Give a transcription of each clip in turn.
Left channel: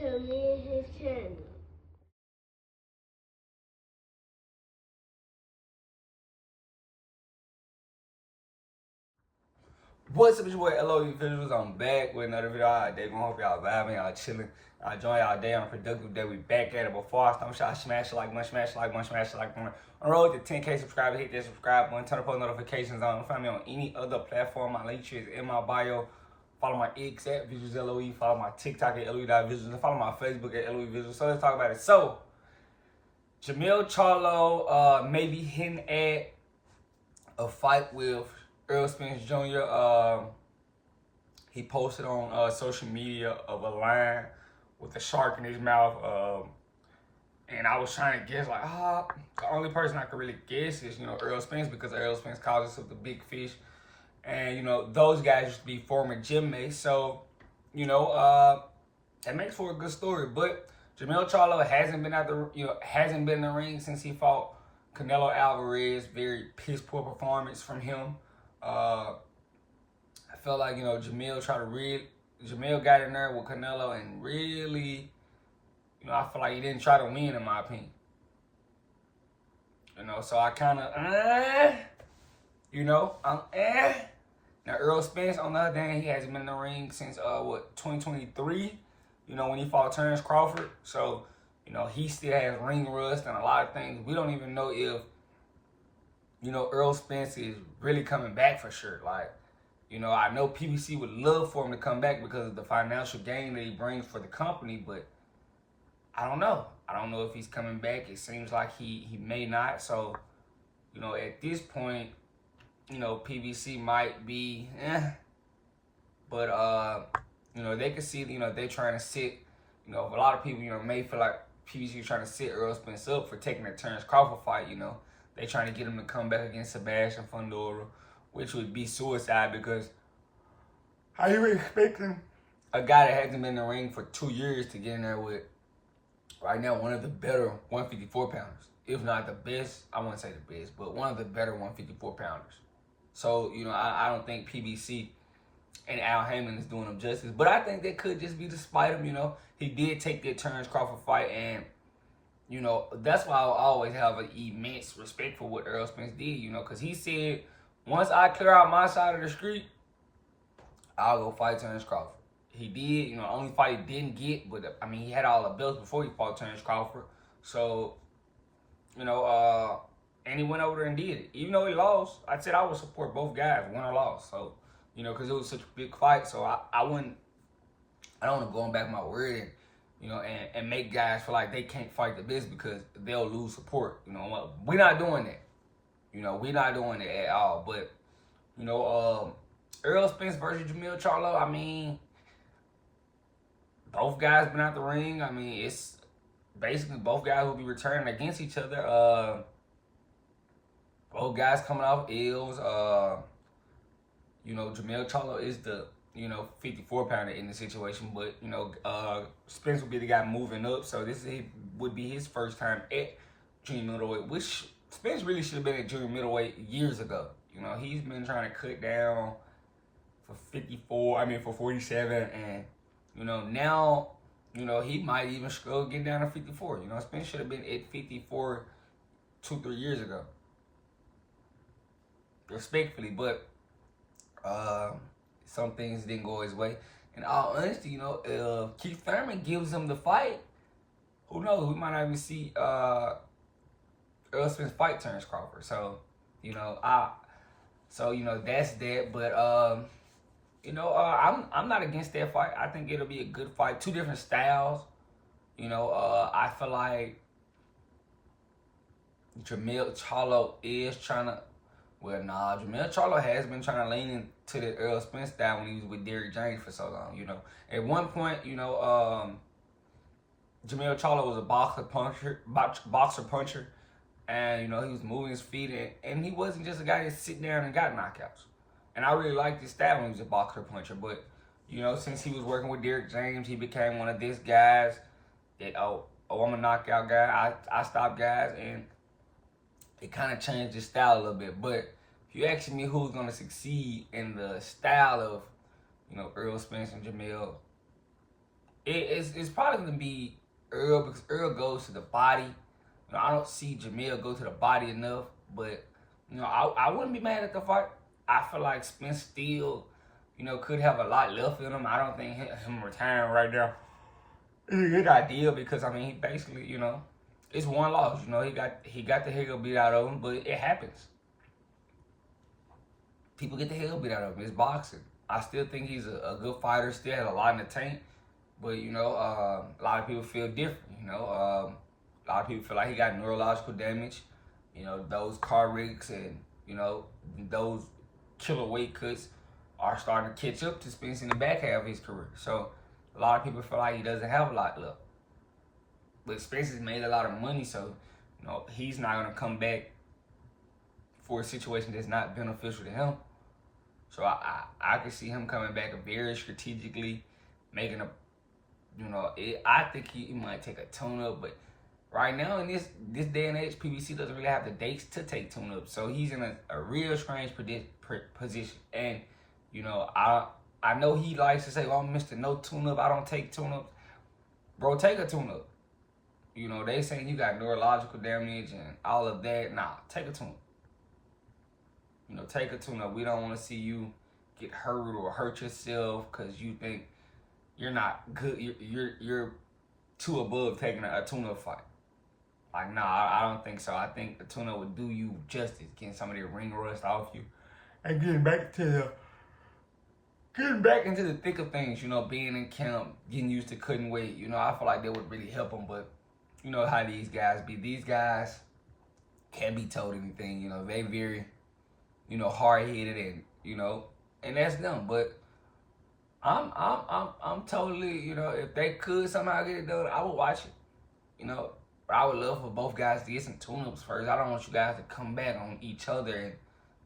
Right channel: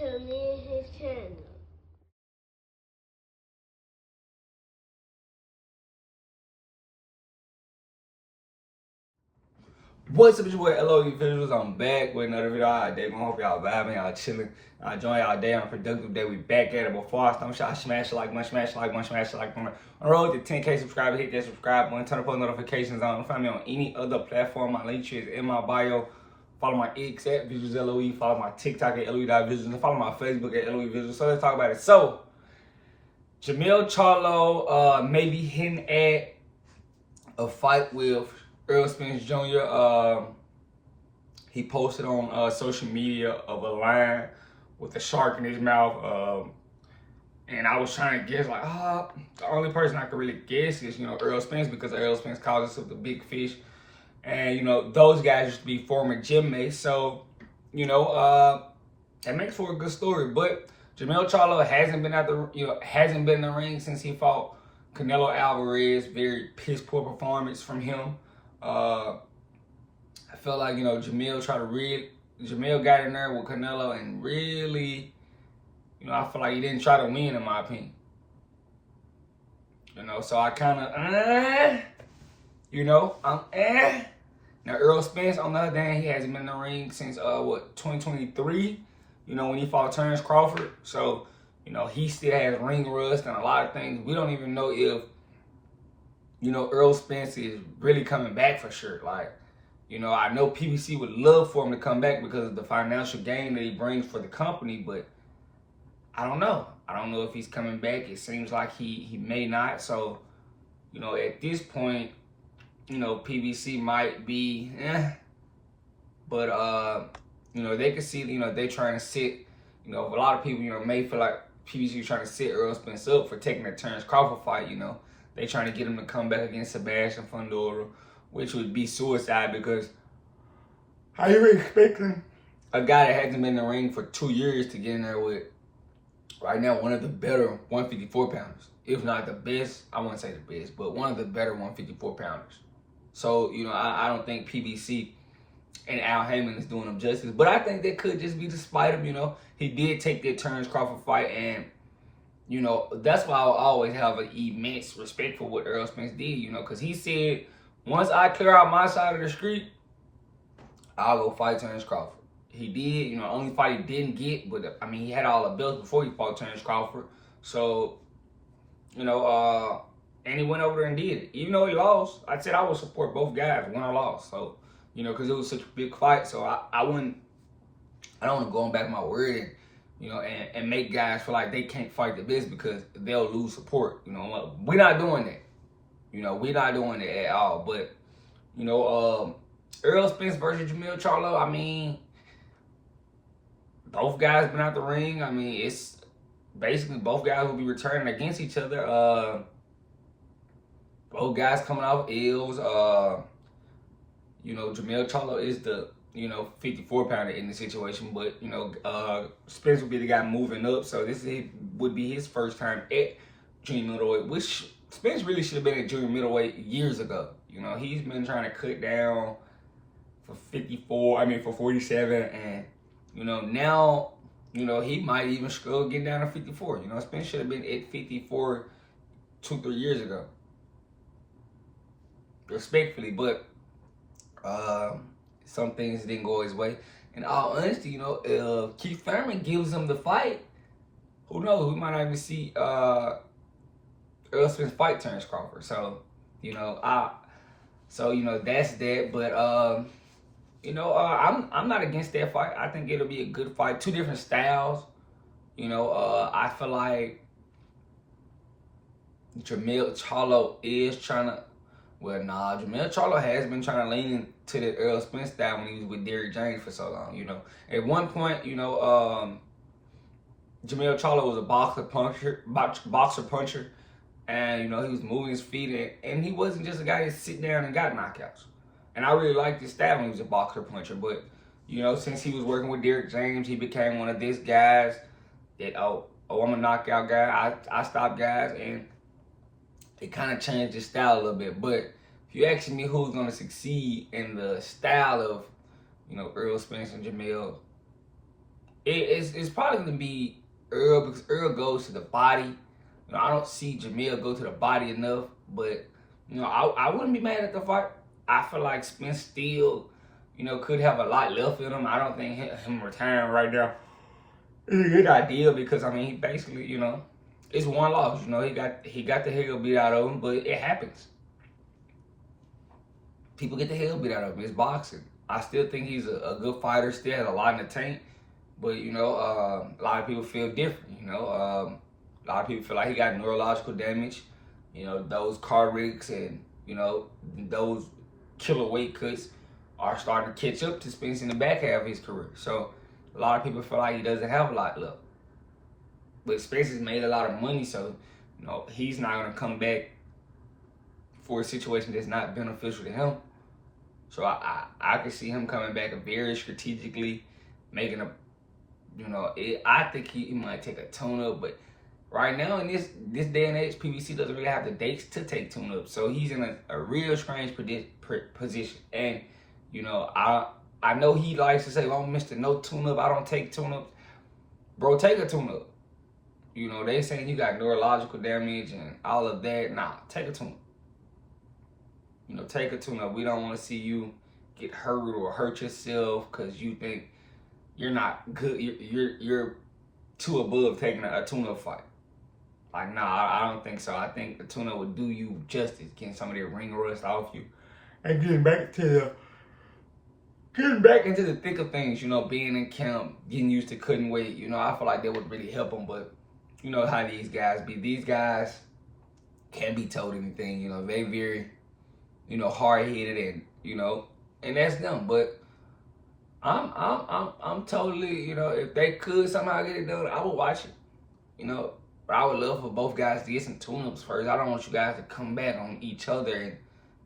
to me and his channel. What's up, it's your boy Errol Visuals. I'm back with another video. All day. I hope y'all vibing, y'all chilling. I enjoy y'all day on a productive day. We back at it. Before I start, y'all smash like one, smash like one, smash like one. On the road to 10K subscribers, hit that subscribe button, turn the post notifications on. Find me on any other platform. My link tree is in my bio. Follow my X at Visuals LOE. Follow my TikTok at LOE.Visuals. And follow my Facebook at LOE Visuals. So let's talk about it. So, Jermell Charlo maybe hinting at a fight with Errol Spence Jr. He posted on social media of a lion with a shark in his mouth. And I was trying to guess, like, the only person I could really guess is, Errol Spence, because Errol Spence calls himself the big fish. And, those guys used to be former gym mates. So, that makes for a good story. But Jermell Charlo hasn't been in the ring since he fought Canelo Alvarez. Very piss poor performance from him. I felt like, Jermell got in there with Canelo and really, I feel like he didn't try to win, in my opinion. So I kind of, Now, Errol Spence, on the other hand, he hasn't been in the ring since, 2023, when he fought Terrence Crawford. So, he still has ring rust and a lot of things. We don't even know if, Errol Spence is really coming back for sure. Like, I know PBC would love for him to come back because of the financial gain that he brings for the company, but I don't know. I don't know if he's coming back. It seems like he may not. So, at this point, PBC might be, but, they can see, they're trying to sit, a lot of people, may feel like PBC trying to set Errol Spence up for taking the Terrence Crawford fight, They trying to get him to come back against Sebastian Fundora, which would be suicide because how you expecting a guy that hasn't been in the ring for 2 years to get in there with, right now, one of the better 154 pounders. If not the best, I wouldn't say the best, but one of the better 154 pounders. So, I don't think PBC and Al Heyman is doing him justice. But I think that could just be to spite him, He did take that Terrence Crawford fight, and that's why I'll always have an immense respect for what Errol Spence did, because he said, once I clear out my side of the street, I'll go fight Terrence Crawford. He did, only fight he didn't get, but he had all the belts before he fought Terrence Crawford. So, and he went over there and did it. Even though he lost, I said I would support both guys, win or loss. So, because it was such a big fight. So I don't want to go back my word and, and make guys feel like they can't fight the best because they'll lose support. We're not doing that. We're not doing it at all. But, Errol Spence versus Jermell Charlo, both guys been out the ring. It's basically both guys will be returning against each other. Both guys coming off L's. Jermell Charlo is the 54 pounder in the situation, but Spence would be the guy moving up, so would be his first time at junior middleweight, which Spence really should have been at junior middleweight years ago. He's been trying to cut down for 47, and now he might even struggle getting down to 54. Spence should have been at 54 2-3 years ago, respectfully, but some things didn't go his way. In all honesty, if Keith Thurman gives him the fight, who knows? We might not even see Errol Spence fight Terrence Crawford. So, that's that. But I'm not against that fight. I think it'll be a good fight. Two different styles. I feel like Jermell Charlo is trying to. Well, nah, Jermell Charlo has been trying to lean into the Errol Spence style when he was with Derrick James for so long, At one point, Jermell Charlo was a boxer puncher, and, he was moving his feet, and he wasn't just a guy that sit down and got knockouts. And I really liked his style when he was a boxer puncher, but, since he was working with Derrick James, he became one of these guys that, I'm a knockout guy, I stop guys, and it kind of changed his style a little bit. But if you ask me who's going to succeed in the style of, Errol Spence and Jermell, it's probably gonna be Errol because Errol goes to the body. I don't see Jermell go to the body enough, but I wouldn't be mad at the fight. I feel like Spence still, could have a lot left in him. I don't think him retiring right now is a good idea because he basically, it's one loss. He got the hell beat out of him, but it happens. People get the hell beat out of him. It's boxing. I still think he's a good fighter. Still has a lot in the tank, but a lot of people feel different. A lot of people feel like he got neurological damage. Those car wrecks and those killer weight cuts are starting to catch up to Spence in the back half of his career. So a lot of people feel like he doesn't have a lot left. But Spence has made a lot of money, so he's not gonna come back for a situation that's not beneficial to him. So I can see him coming back very strategically, making I think he might take a tune-up, but right now in this day and age, PBC doesn't really have the dates to take tune-up. So he's in a real strange position. And, I know he likes to say, well, I'm Mr. No tune-up, I don't take tune-ups. Bro, take a tune-up. They saying you got neurological damage and all of that. Nah, take a tune-up. Take a tune-up. We don't want to see you get hurt or hurt yourself because you think you're not good. You're too above taking a tune-up fight. Like, nah, I don't think so. I think the tune-up would do you justice, getting some of their ring rust off you and getting back into the thick of things. Being in camp, getting used to cutting weight. I feel like that would really help them. But you know how these guys be. These guys can't be told anything. They very hard-headed and that's them. But I'm totally, if they could somehow get it done, I would watch it. But I would love for both guys to get some tune-ups first. I don't want you guys to come back on each other and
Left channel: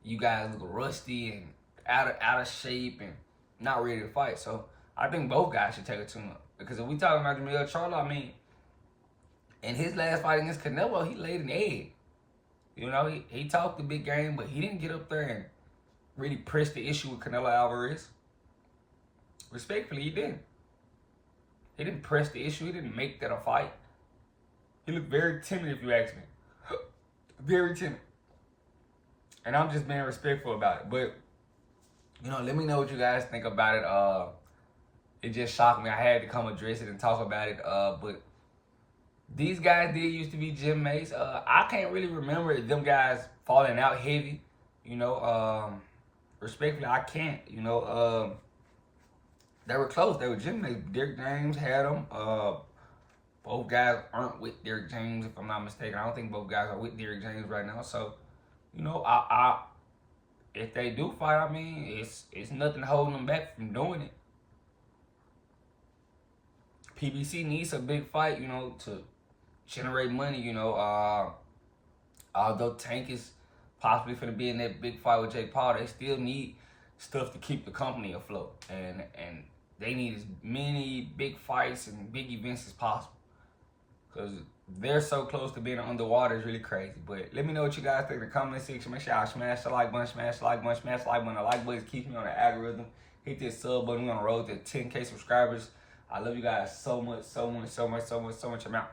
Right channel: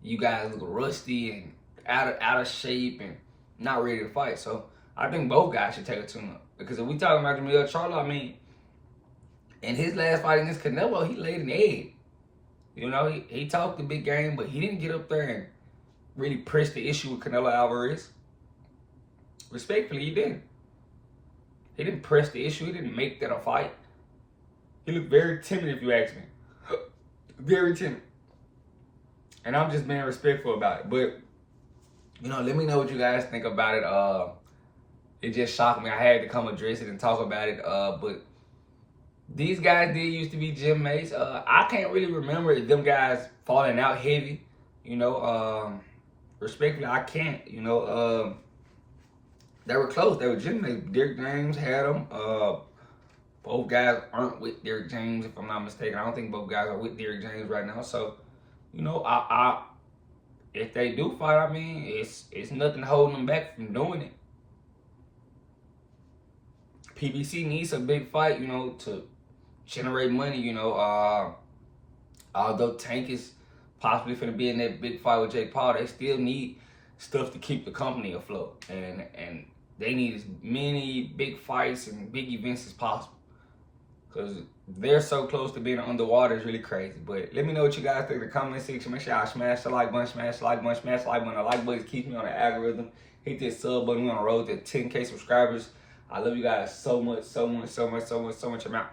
you guys look rusty and out of shape and not ready to fight. So I think both guys should take a tune-up. Because if we talking about Jermell Charlo, in his last fight against Canelo, he laid an egg. He talked the big game, but he didn't get up there and really press the issue with Canelo Alvarez. Respectfully, he didn't. He didn't press the issue. He didn't make that a fight. He looked very timid, if you ask me. Very timid. And I'm just being respectful about it. But, let me know what you guys think about it. It just shocked me. I had to come address it and talk about it. But these guys did used to be gym mates. I can't really remember them guys falling out heavy. Respectfully, I can't. They were close. They were gym mates. Derrick James had them. Both guys aren't with Derrick James, if I'm not mistaken. I don't think both guys are with Derrick James right now. So, if they do fight, it's nothing holding them back from doing it. PBC needs a big fight, to generate money, although Tank is possibly going to be in that big fight with Jake Paul, they still need stuff to keep the company afloat. And they need as many big fights and big events as possible. Because they're so close to being underwater, it's really crazy. But let me know what you guys think in the comment section. Make sure y'all smash the like button, smash the like button, smash the like button. The like button keeps me on the algorithm. Hit this sub button. We're on the road to 10K subscribers. I love you guys so much, so much, so much, so much, so much amount.